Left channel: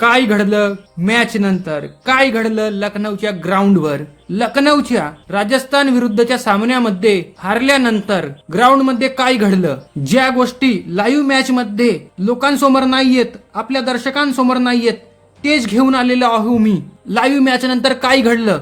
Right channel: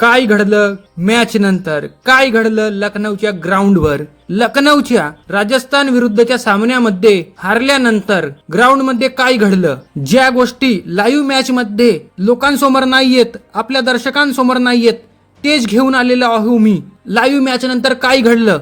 काय घडलं मॅच नंतर, काय घडलं लखनौच्या ग्राउंडवर. लखनौच्या राजस्थान विरुद्धच्या सामन्यामध्ये हारल्यानंतर ग्राउंडमध्ये काय घडलं, ज्या गोष्टी लाईव्ह मॅच मध्ये लोकांसमोर नाहीयेत, आपल्या दर्शकांसमोर नाहीयेत, तेच घेऊन आलेलो आहो मी. लाईव्ह मॅच नंतर काय घडलं,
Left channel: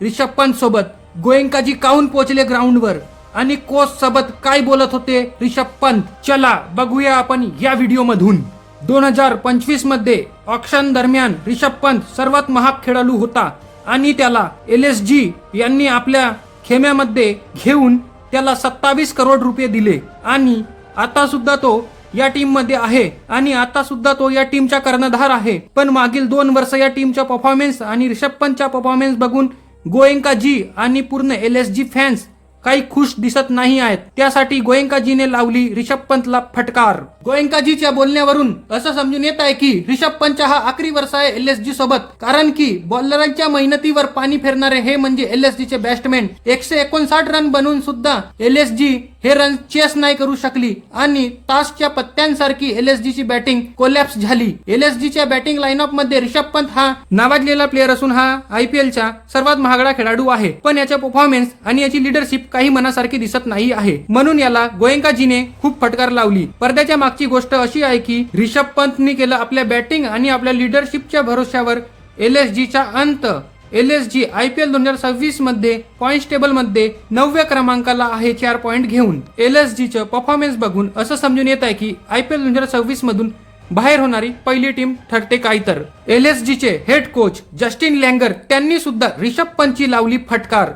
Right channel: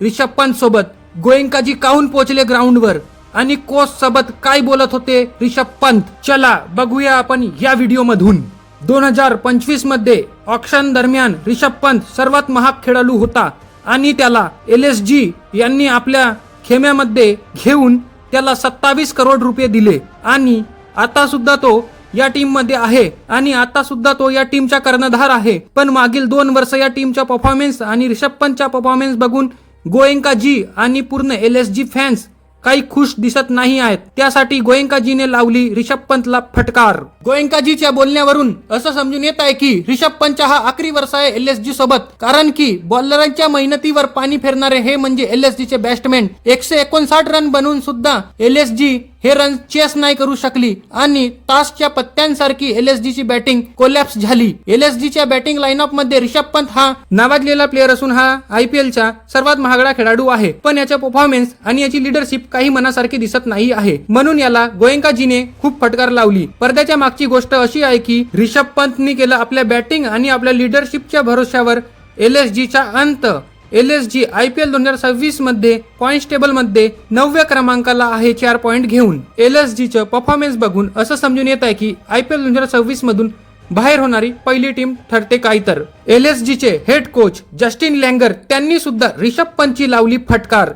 रिषभ पंत सोबत गोयंकाजी काहून पोहोचले ग्राउंडवर आणि कोच सोबत काय बोलत होते रिषभ पंत, चला बघूया आपण या व्हिडिओ मधून. 2025 मध्ये ऑक्शन दरम्यान रिषभ पंत सर्वात महाग खेळाडू होता आणि त्याला LSG यांनी आपल्या खेम्यामध्ये घेऊन त्याला 27 करोड रुपये दिले आणि आता सुद्धा तो या टीम मध्ये आहे आणि आता सुद्धा तो या टीमचा कर्णधार आहे. पण मागील 2 वर्ष या टीमचा परफॉर्मन्स आणि रिषभ पंतचा परफॉर्मन्स बघून गोयंकाजी आणि पूर्ण LSG फॅन्स काही खुश दिसत नाही आहेत. त्यासाठी गोयंकाजीने लावली रिषभ पंतला फटकार. गोयंकाजीच्या बोलण्यावरून असं समजून येत आहे की रिषभ पंतचा हा आखरी वर्ष आहे LSG सोबत, कारण की बॉलरांच्या मेहनतीवर पाणी फेरणारे हे म्हणजे LSG चे बॅट्समॅन. 159 रन बनवून सुद्धा LSG हे रन चेस नाही करू शकली आणि तासच्या पत्त्यांसारखी LSG ची बॅटिंग कोलॅप्स झाली. LSG च्या बॅटिंग लाईनअप मध्ये रिषभ पंत हा नावाजलेला प्लेअर असून हा IPL चा सर्वात महागडा खेळाडू आहे, पण याचा परफॉर्मन्स आणि याची लिडरशिप काही मनासारखी दिसत नाही आहे, म्हणून याला गोयंकाजीने खूप फटकार लावली. पडद्याच्या मागची गोष्ट अशी आहे की रिषभ पंतनी केलं आपल्या बॅटिंग आणि आपल्या लिडरशिपच्या भरोश्यावर LSG चा अंत. LSG IPL 2026 मध्ये पॉइंट टेबल मध्ये 9व्या क्रमांकाला आहे 4 पॉइंट घेऊन. LSG चं परफॉर्मन्स बघून असं समजून येत आहे की IPL 2026 मधून बाहेर होणारी पहिली टीम ठरते काय तर. LSG चे हेड कोच जस्टिन लँगर त्यांनी सुद्धा रिषभ पंतची लावली फटकार.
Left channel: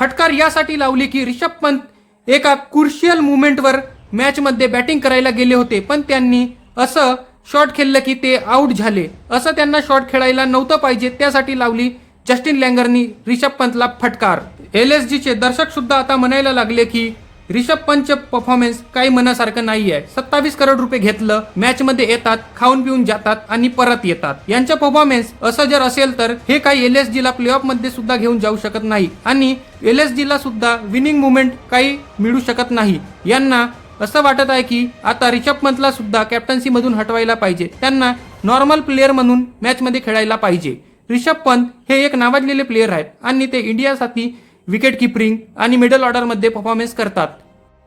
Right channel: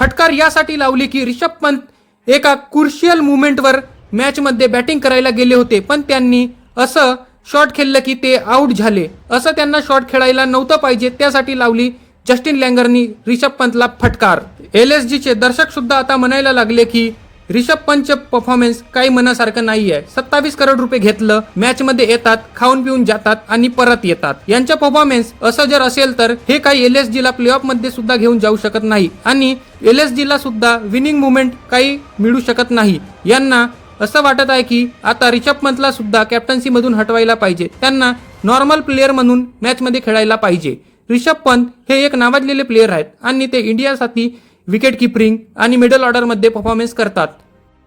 फटकार यासाठी लावली की रिषभ पंत एका क्रुशियल मुवमेंटवर मॅच मध्ये बॅटिंग करायला गेले होते, पण त्यांनी असं शॉट खेळलं की ते आउट झाले. असं त्यांना शॉट खेळायला नव्हतं पाहिजे, त्यासाठी लावली जस्टिन लँगरनी रिषभ पंतला फटकार. LSG चे दर्शक सुद्धा आता म्हणायला लागले की रिषभ पंतचे परफॉर्मन्स काही मनासारखं नाही आहे. 27 करोड रुपये घेतलं, मॅच मध्ये येतात, खाऊन पिऊन जातात आणि परत येतात. यांचा परफॉर्मन्स असं जर असेल तर हे काही LSG ला प्ले ऑफ मध्ये सुद्धा घेऊन जाऊ शकत नाही आणि LSG ला सुद्धा विनिंग मुवमेंट काही मिळू शकत नाही. यांना असं वाटत आहे की आता रिषभ पंतला सुद्धा कॅप्टन्सी मधून हटवायला पाहिजे, त्यांना नॉर्मल प्लेअर म्हणून मॅच मध्ये खेळायला पाहिजे. रिषभ पंत हे एक नावाजलेले प्लेअर आहेत आणि ते इंडियासाठी विकेट किपरिंग आणि मिडल ऑर्डर मध्ये परफॉर्मन्स करतात.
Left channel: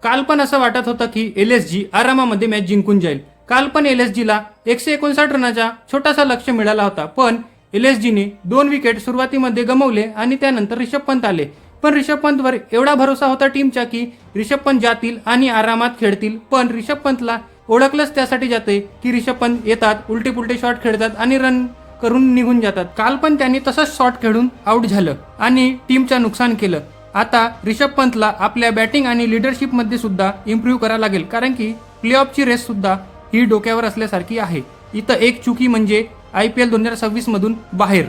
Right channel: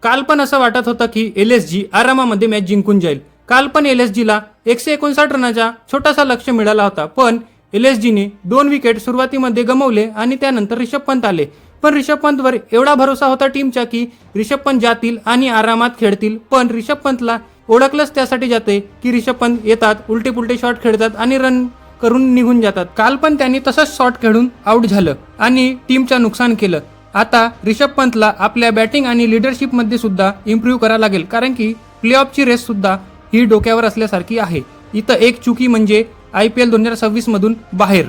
काल पण असं वाटत होतं की LSG आरामामध्ये मॅच जिंकून जाईल. काल पण LSG ला 159 रनाचा छोटासा लक्ष्य मिळाला होता, पण LSG ने 2 विकेट सुरुवातीमध्ये गमावले आणि त्यानंतर रिषभ पंत आले. पण रिषभ पंतवर एवढा भरोसा होता टीमचा की रिषभ पंत जातील आणि आरामात खेळतील, पण रिषभ पंतला ओळखलंच त्यासाठी जाते की रिषभ पंत येतात, उलटे पुलटे शॉट खेळतात आणि रन करून निघून जातात. काल पण त्यांनी तसंच शॉट खेळून आउट झालं आणि टीमचं नुकसान केलं. आता रिषभ पंतला आपल्या बॅटिंग आणि लिडरशिप मध्ये सुद्धा इम्प्रूव्ह करायला लागेल, कारण की प्ले ऑफची रेस सुद्धा ही डोक्यावर असल्यासारखी आहे. इथं एक चुकी म्हणजे IPL 2026 मधून बाहेर.